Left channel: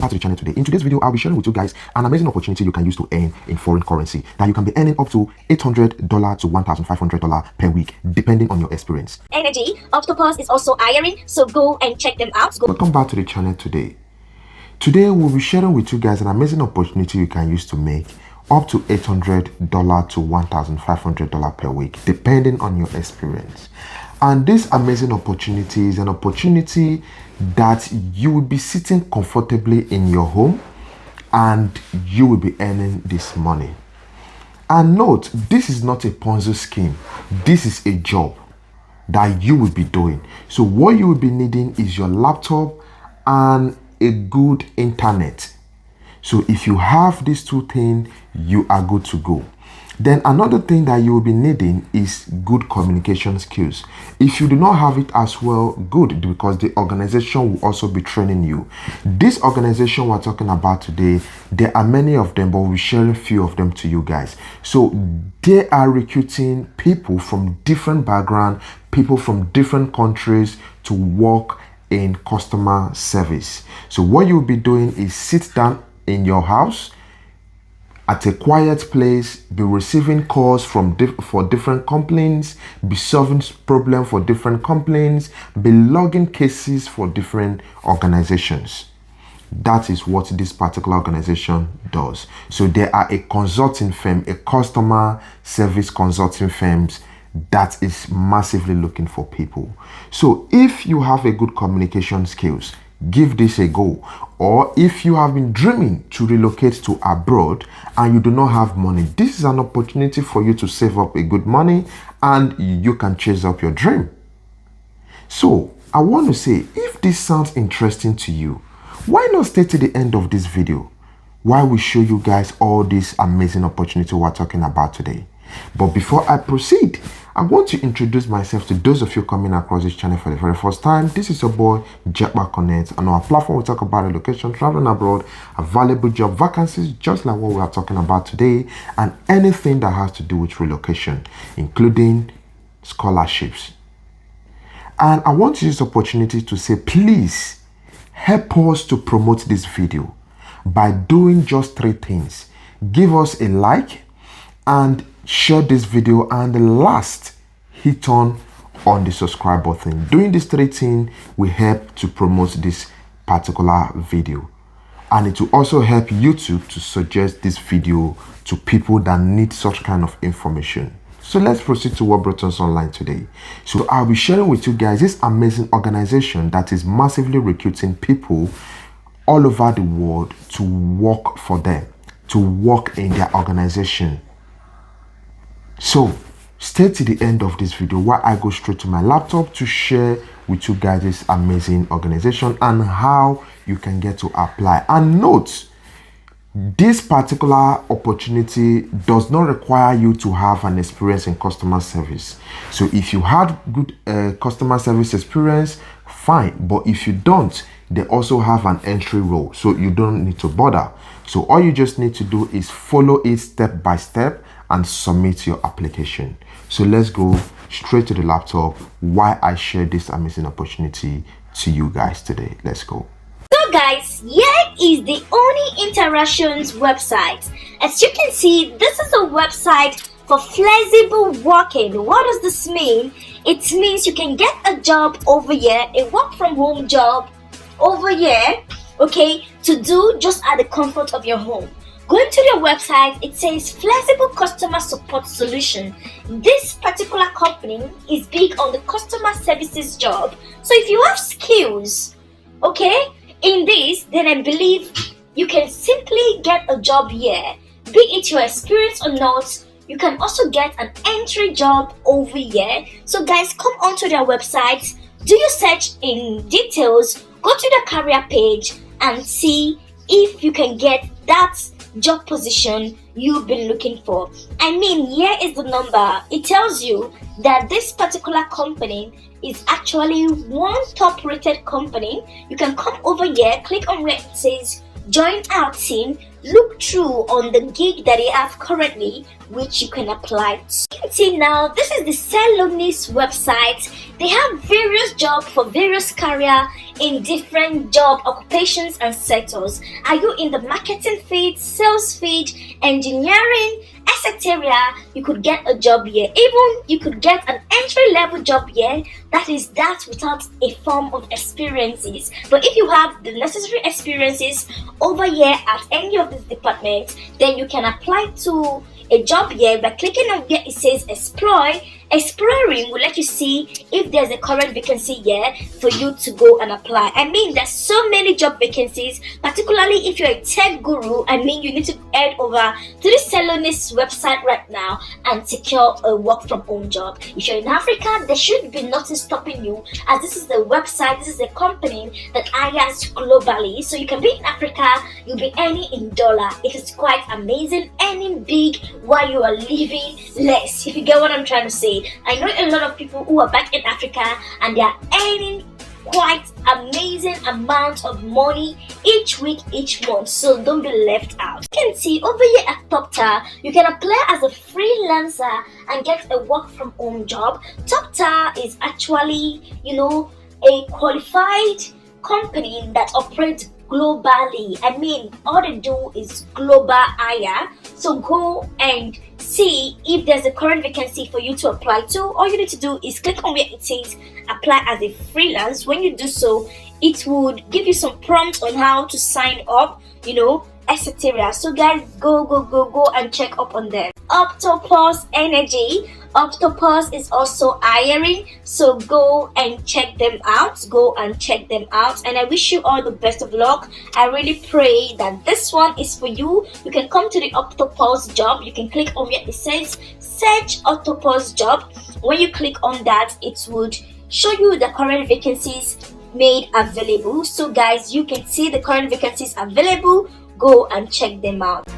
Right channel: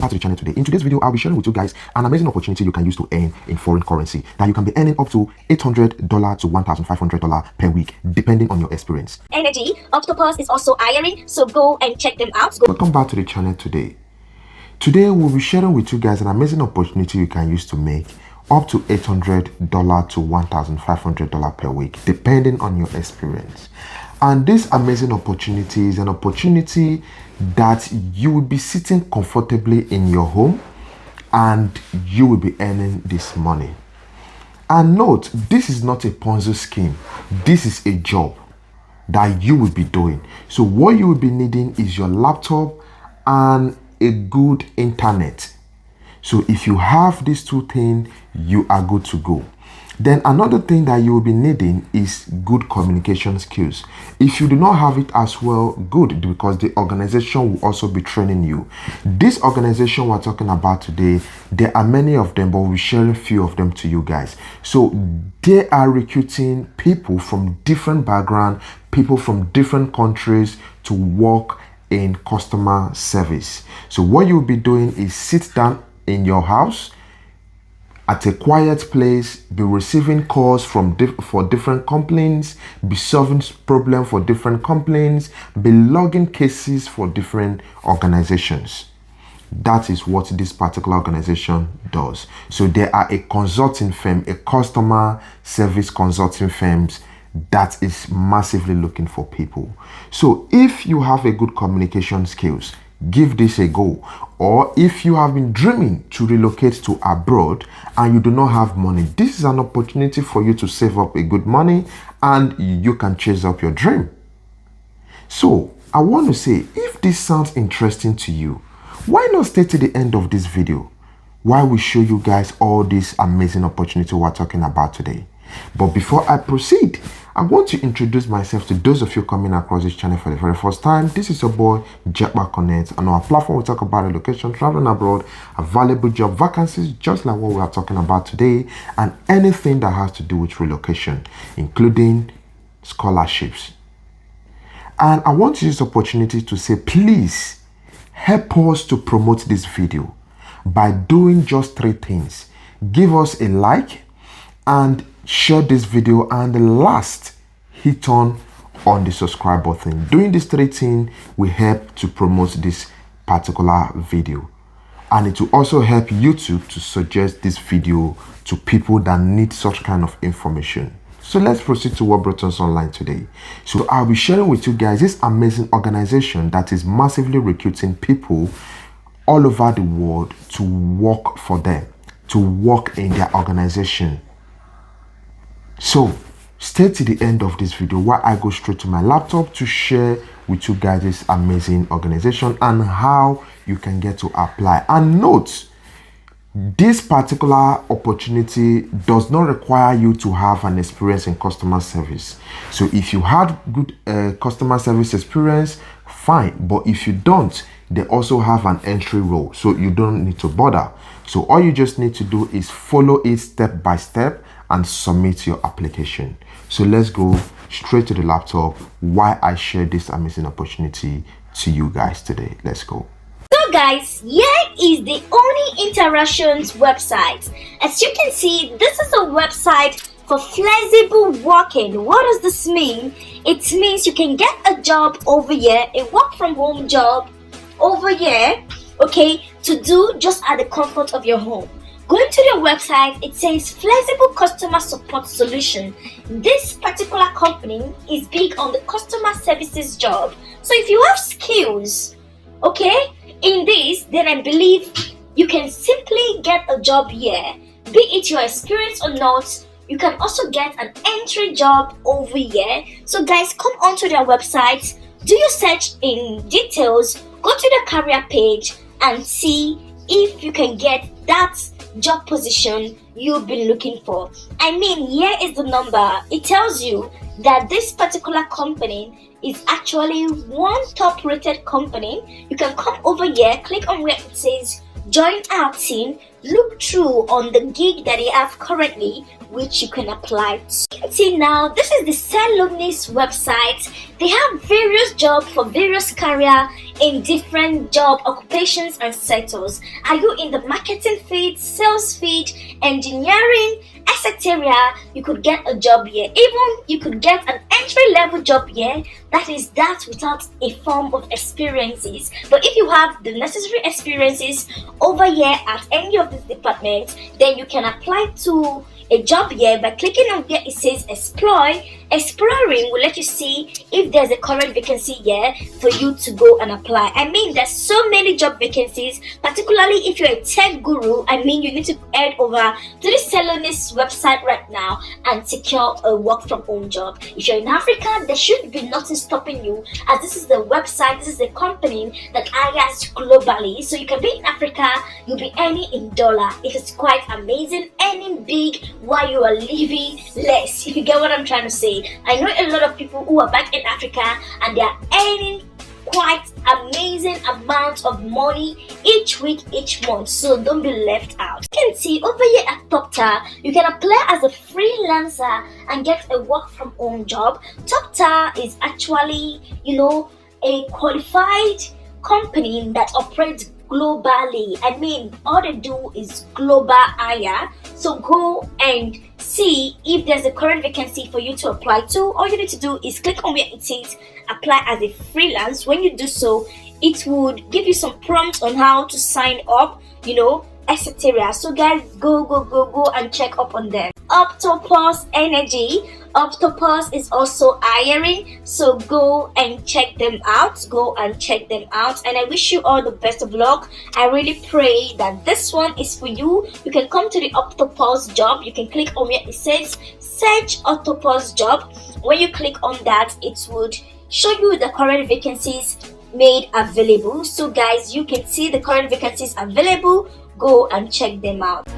Back to the channel today. In today's video, I'll be sharing with you guys an amazing opportunity you can use to earn in foreign currency that you can be earning up to $800 to $1,500 per week, depending on your experience. Energy Octopus is also hiring, so go and check them out. Welcome back to the channel today. Today, we'll be sharing with you guys an amazing opportunity you can use to make up to $800 to $1,500 per week, depending on your experience. And this amazing opportunity is an opportunity that you will be sitting comfortably in your home and you will be earning this money. And note, this is not a Ponzi scheme. This is a job that you will be doing. So what you will be needing is your laptop and a good internet. So if you have these two things, you are good to go. Then another thing that you will be needing is good communication skills. If you do not have it as well, good, because the organization will also be training you. This organization we're talking about today, there are many of them, but we'll share a few of them to you guys. So they are recruiting people from different backgrounds, people from different countries to work in customer service. So what you'll be doing is sit down in your house at a quiet place, be receiving calls from for different complaints, be solving problems for different complaints, be logging cases for different organizations. That is what this particular organization does. So they are a consulting firm, a customer service consulting firms that is massively looking for people. So if you have a good communication skills, give this a go. Or if you have been dreaming to relocate to abroad and you do not have money, this is an opportunity for you to save up a good money and you can chase up your dream. So I want to say, if this sounds interesting to you, why not stay to the end of this video while we show you guys all this amazing opportunity we're talking about today. But before I proceed, I want to introduce myself to those of you coming across this channel for the very first time. This is your boy, Jackpot Connect. On our platform, we talk about relocation, traveling abroad, available job vacancies, just like what we are talking about today, and anything that has to do with relocation, including scholarships. And I want to use this opportunity to say, please help us to promote this video by doing just three things. Give us a like and share this video, and last, hit on the subscribe button. Doing these three things will help to promote this particular video, and it will also help YouTube to suggest this video to people that need such kind of information. So let's proceed to what brought us online today. So I'll be sharing with you guys this amazing organization that is massively recruiting people all over the world to work for them, to work in their organization. So stay to the end of this video while I go straight to my laptop to share with you guys this amazing organization and how you can get to apply. And note, this particular opportunity does not require you to have an experience in customer service. So if you had good customer service experience, fine. But if you don't, they also have an entry role, so you don't need to bother. So all you just need to do is follow it step by step and submit your application. So let's go straight to the laptop while I share this amazing opportunity to you guys today. Let's go. So guys, here is the Oni Interactions website. As you can see, this is a website for flexible working. What does this mean? It means you can get a job over here, a work from home job over here, okay, to do just at the comfort of your home. Going to their website, it says flexible customer support solution. This particular company is big on the customer services job. So if you have skills, okay, in this, then I believe you can simply get a job here. Be it your experience or not, you can also get an entry job over here. So guys, come onto their website, do your search in details, go to the career page and see if you can get that job position you've been looking for. I mean, here is the number. It tells you that this particular company is actually one top rated company. You can come over here, click on where it says join our team, look through on the gig that you have currently, which you can apply to. You can see now, this is the Salonist website. They have various jobs for various career in different job occupations and sectors. Are you in the marketing field, sales field, engineering, etc.? You could get a job here. Even you could get an entry level job here. That is that without a form of experiences. But if you have the necessary experiences over here at any of these departments, then you can apply to a job here by clicking on where it says Explore. Exploring will let you see if there's a current vacancy here for you to go and apply. I mean, there's so many job vacancies, particularly if you're a tech guru. I mean, you need to head over to the Salonist website right now and secure a work from home job. If you're in Africa, there should be nothing stopping you, as this is the website, this is a company that hires globally. So you can be in Africa, you'll be earning in dollar. It is quite amazing, earning big while you are living less, if you get what I'm trying to say. I know a lot of people who are back in Africa and they are earning quite amazing amount of money each week, each month, so don't be left out. You can see over here at TopTar, you can apply as a freelancer and get a work from home job. TopTar is actually, a qualified company that operates globally. I mean, all they do is global hire. So go and see if there's a current vacancy for you to apply to. All you need to do is click on where it says apply as a freelance. When you do so, it would give you some prompts on how to sign up, etc. So guys, go and check up on them. Octopus Energy. Octopus is also hiring, so go and check them out. And I wish you all the best of luck. I really pray that this one is for you. You can come to the Octopus job. You can click on where it says search Octopus job. When you click on that, it would show you the current vacancies made available. So guys, you can see the current vacancies available. Go and check them out.